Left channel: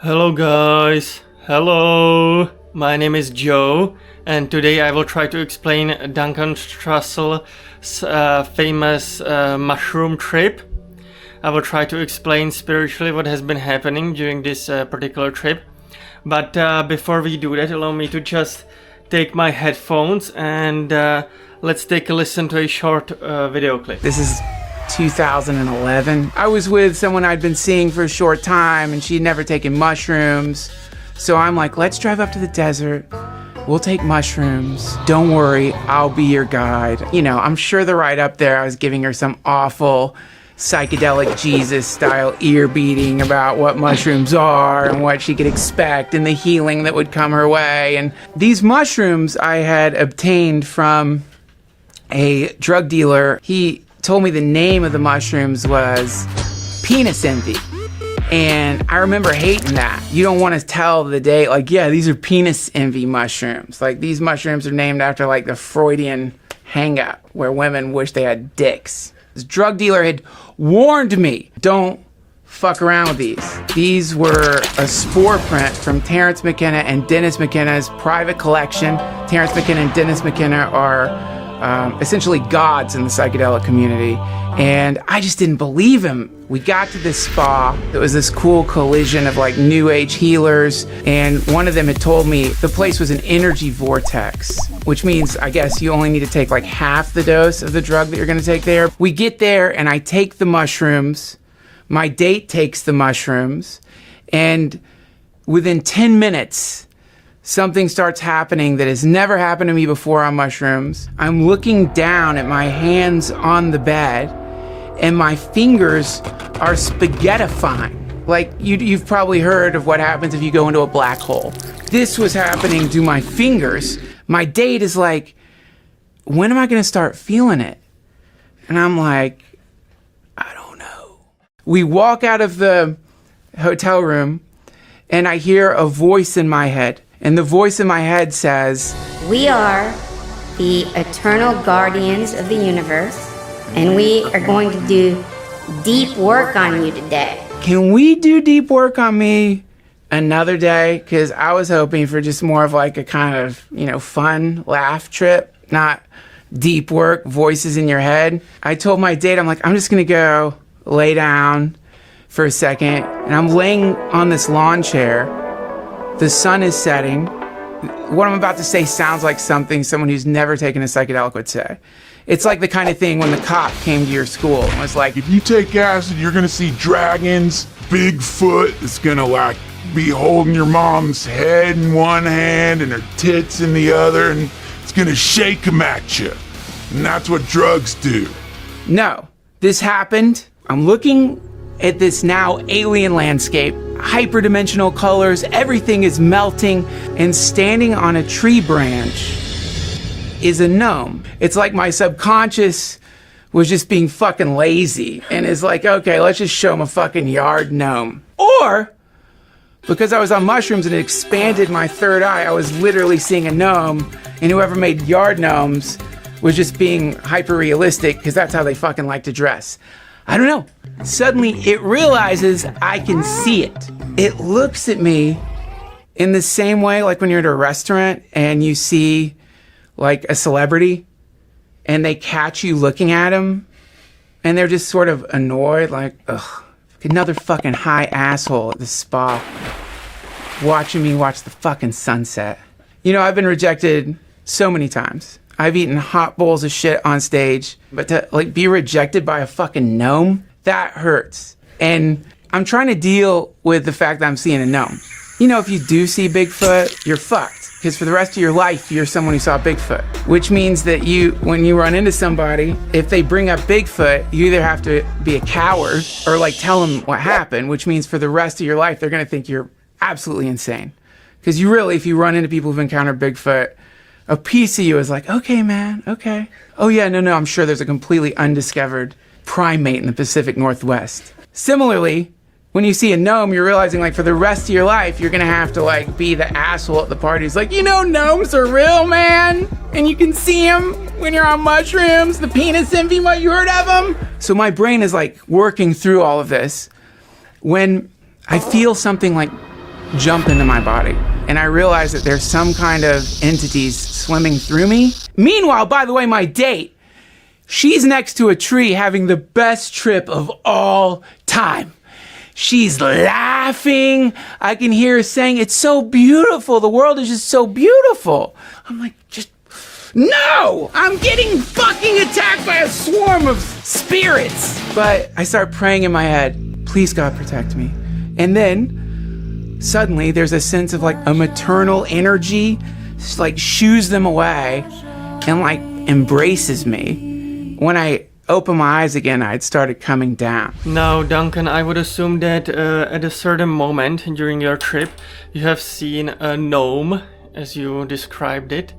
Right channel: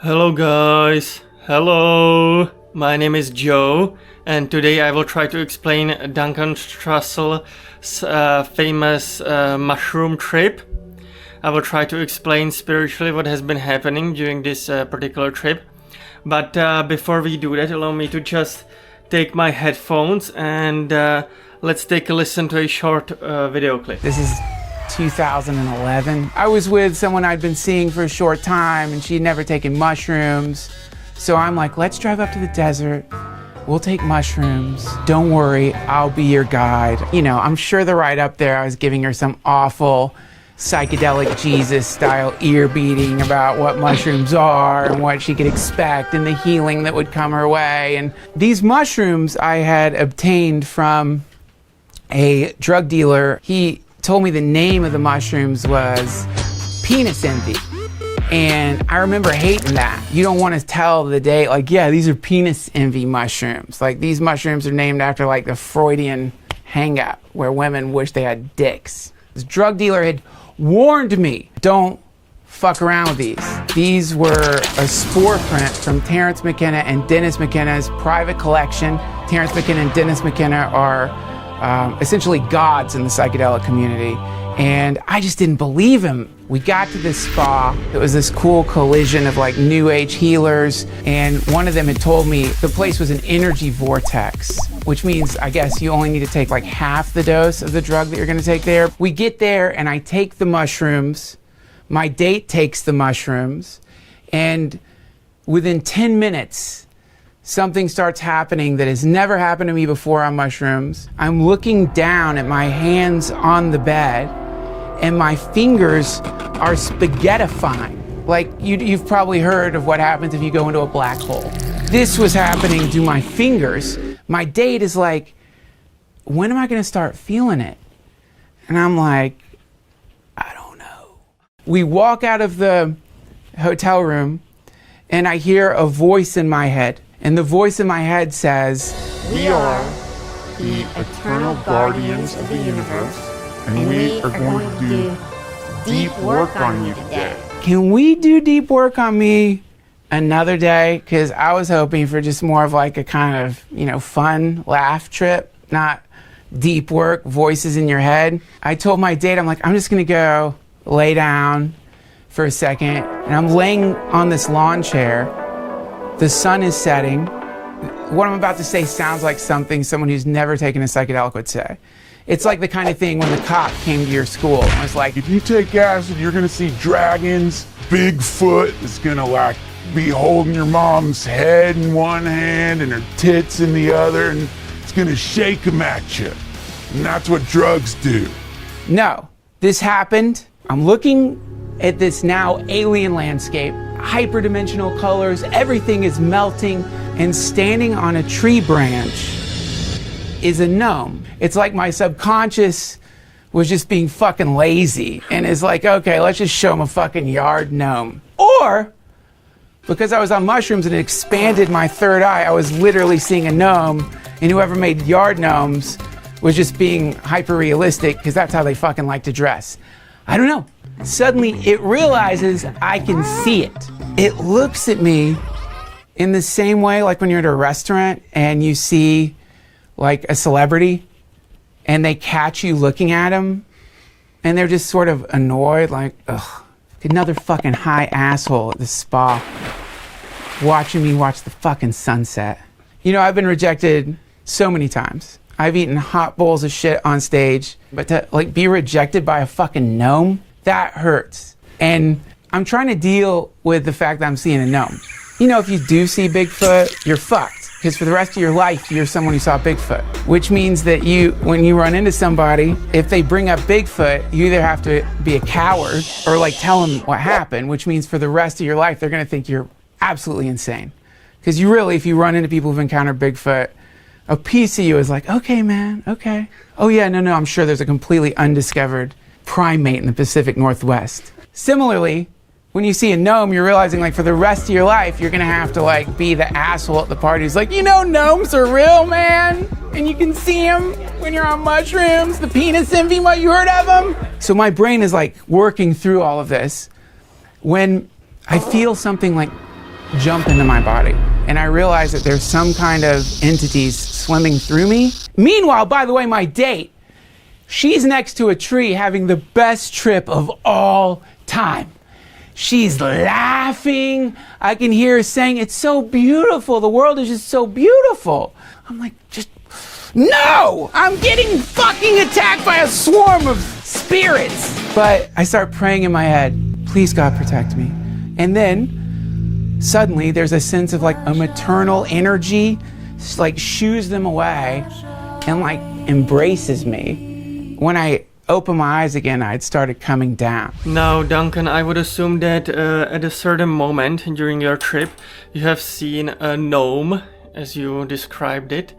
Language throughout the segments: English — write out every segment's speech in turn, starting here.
Hello guys, hello, my name is Joe and today I will try to explain Duncan Trussell's famous mushroom trip. I will try to explain spiritually what has been happening during this particular trip. But before we do that, allow me to just take my headphones and let's take a listen to a short video clip. This is 2011. I was with someone I'd been seeing for a short time and she'd never taken mushrooms. So I'm like, let's drive up to the desert. We'll take mushrooms. Don't worry, I'll be your guide. You know, I'm sure the ride up there I was giving her some awful psychedelic Jesus style ear beating about what mushrooms are and what she could expect and the healing that would come her way. And these mushrooms I had obtained from a drug dealer. He told me the name of the mushrooms was penis envy. And I remember hating that. You don't want to tell the date, like, yeah, these are penis envy mushrooms. Like, these mushrooms are named after, like, the Freudian hang-up where women wish they had dicks. This drug dealer had warned me, don't fuck around with these. These were a spore print from Terence McKenna and Dennis McKenna's private collection. Terence McKenna and Dennis McKenna are essentially gods in the psychedelic community, and I just didn't believe him. We got to this spa. There was this cool collision of like new age healers, and one of them had told me the place was an energy vortex, which means I guess you only need to take like half the dose of the drug that you're gonna take there. We get there and I take the mushrooms. My date takes the mushrooms, and within 10 minutes, something starts happening that has never happened to me before on mushrooms. I'm looking down at my hands on the bed, and my fingers are spaghettifying. Like, you've probably heard of what happens if you go into a black hole. This was happening to my fingers. My date is like, when am I gonna start feeling it? And I'm like, I don't know. We walk out of the hotel room, and I hear a voice in my head. And the voice in my head says, "We are the eternal guardians of the universe, and we are going to do deep work on you today." Can we do deep work on me another day? Because I was hoping for just more of like a kind of, you know, fun laugh trip, not deep work, voices in your head. I told my date, I'm like, I'm just going to go lay down for a second. And I'm laying on this lawn chair. The sun is setting. What I'm about to say sounds like something someone who's never taken a psychedelic would say. It's like the kind of thing when the cop came to your school and was like, if you take acid, you're gonna see dragons, Bigfoot is gonna like be holding your mom's head in one hand and her tits in the other, and it's gonna shake them at you. And that's what drugs do. No, this happened. I'm looking at this now alien landscape, hyperdimensional colors, everything is melting, and standing on a tree branch is a gnome. It's like my subconscious was just being fucking lazy and is like, okay, let's just show him a fucking yard gnome. Or, because I was on mushrooms and it expanded my third eye, I was literally seeing a gnome, and whoever made yard gnomes was just being hyper realistic because that's how they fucking like to dress. I don't know. Suddenly it realizes I can see it. It looks at me in the same way like when you're at a restaurant and you see like a celebrity and they catch you looking at them and they're just sort of annoyed, like, ugh, another fucking high asshole at the spa watching me watch the fucking sunset. You know, I've been rejected so many times. I've eaten hot bowls of shit on stage, but to like be rejected by a fucking gnome, that hurts. And I'm trying to deal with the fact that I'm seeing a gnome. You know, if you do see Bigfoot, you're fucked. Because for the rest of your life, you're someone who saw Bigfoot. Which means that when you run into somebody, if they bring up Bigfoot, you either have to be a coward or like tell them what happened, which means for the rest of your life, they're gonna think you're absolutely insane. Because you really, if you run into people who've encountered Bigfoot, a piece of you is like, okay, man, okay. Oh yeah, no, I'm sure there's a completely undiscovered primate in the Pacific Northwest. Similarly, when you see a gnome, you're realizing like for the rest of your life, you're gonna have to like be the asshole at the party who's like, you know, gnomes are real, man. And you can see them when you're on mushrooms, the penis envy, what, you heard of them? So my brain is like working through all of this when I feel something like jump into my body. And I realize that there's some kind of entities swimming through me. Meanwhile, by the way, my date, she's next to a tree having the best trip of all time. She's laughing. I can hear her saying, it's so beautiful. The world is just so beautiful. I'm like, just, no! I'm getting fucking attacked by a swarm of spirits. But I start praying in my head, please God protect me. And then suddenly there's a sense of like a maternal energy, just like shoos them away and like embraces me. When I opened my eyes again, I'd started coming down. Now, Duncan, I would assume that at a certain moment during your trip, you have seen a gnome, as you described it.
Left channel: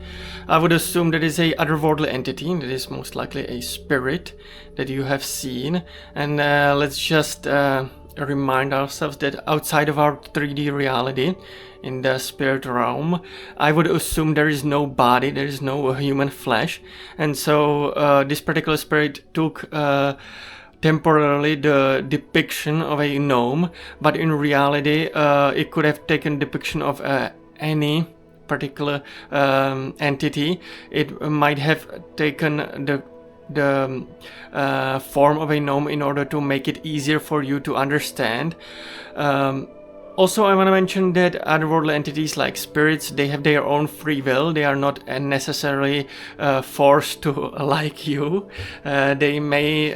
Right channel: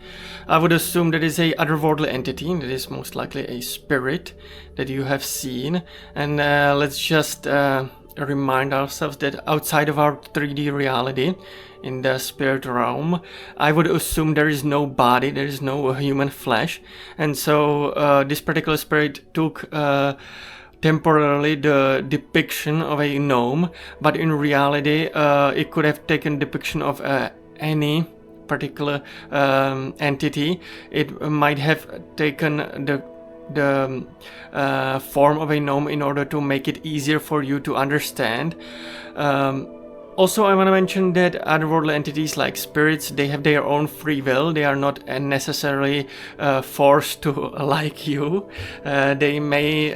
I would assume that is a otherworldly entity, that is most likely a spirit that you have seen. And let's just remind ourselves that outside of our 3D reality, in the spirit realm, I would assume there is no body, there is no human flesh. And so this particular spirit took temporarily the depiction of a gnome, but in reality it could have taken depiction of any particular entity. It might have taken the form of a gnome in order to make it easier for you to understand. Also, I want to mention that otherworldly entities like spirits, they have their own free will. They are not necessarily forced to like you. They may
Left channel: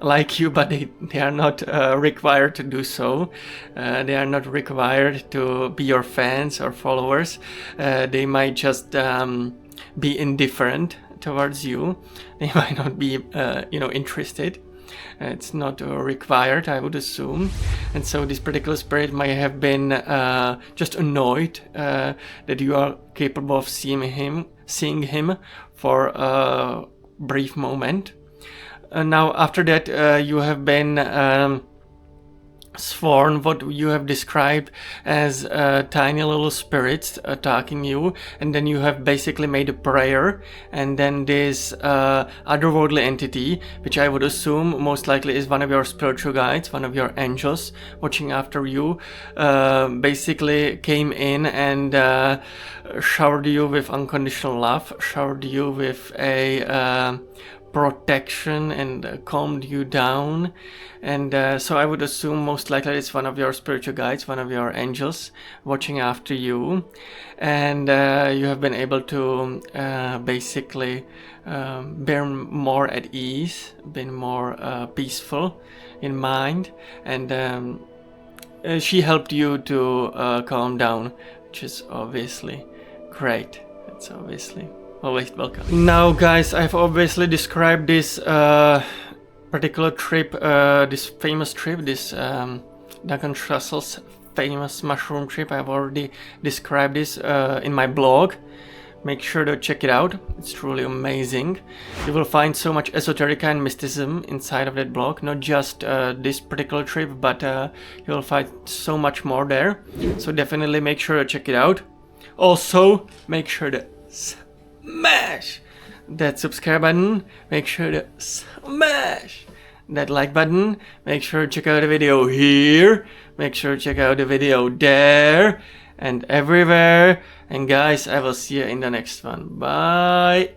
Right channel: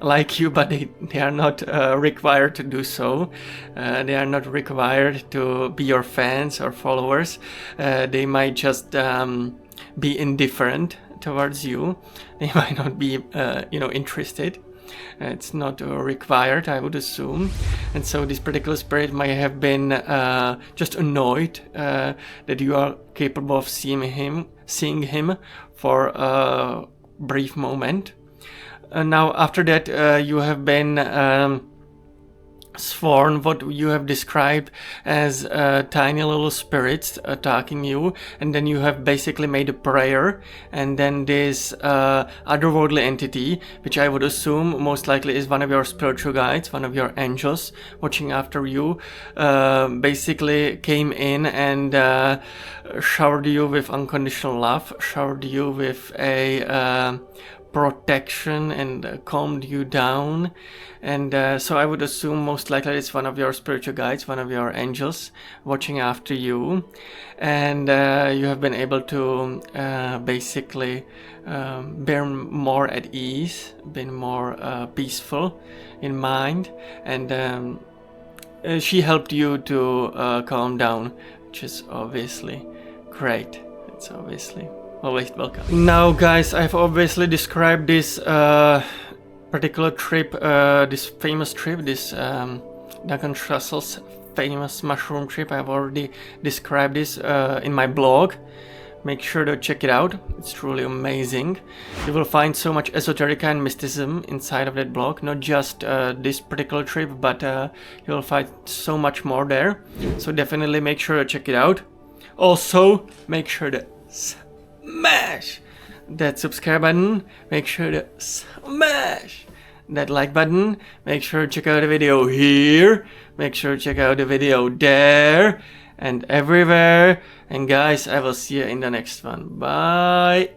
like you, but they are not required to do so. They are not required to be your fans or followers. They might just be indifferent towards you. They might not be, interested. It's not required, I would assume. And so this particular spirit might have been just annoyed that you are capable of seeing him for a brief moment. Now, after that, you have been sworn what you have described as tiny little spirits attacking you, and then you have basically made a prayer, and then this otherworldly entity, which I would assume most likely is one of your spiritual guides, one of your angels watching after you, basically came in and showered you with unconditional love, showered you with a protection and calmed you down. And so I would assume most likely it's one of your spiritual guides, one of your angels watching after you, and you have been able to basically be more at ease, been more peaceful in mind, and she helped you to calm down, which is obviously great. It's obviously always welcome. Now, guys, I've obviously described this particular trip, this famous trip, this Duncan Trussell's famous mushroom trip. I've already described this in my blog. Make sure to check it out. It's truly amazing. You will find so much esoterica and mysticism inside of that blog. Not just this particular trip, but you will find so much more there. So definitely make sure to check it out. Also, make sure to smash that subscribe button, make sure to smash that like button, make sure to check out the video here, make sure to check out the video there and everywhere. And guys, I will see you in the next one. Bye.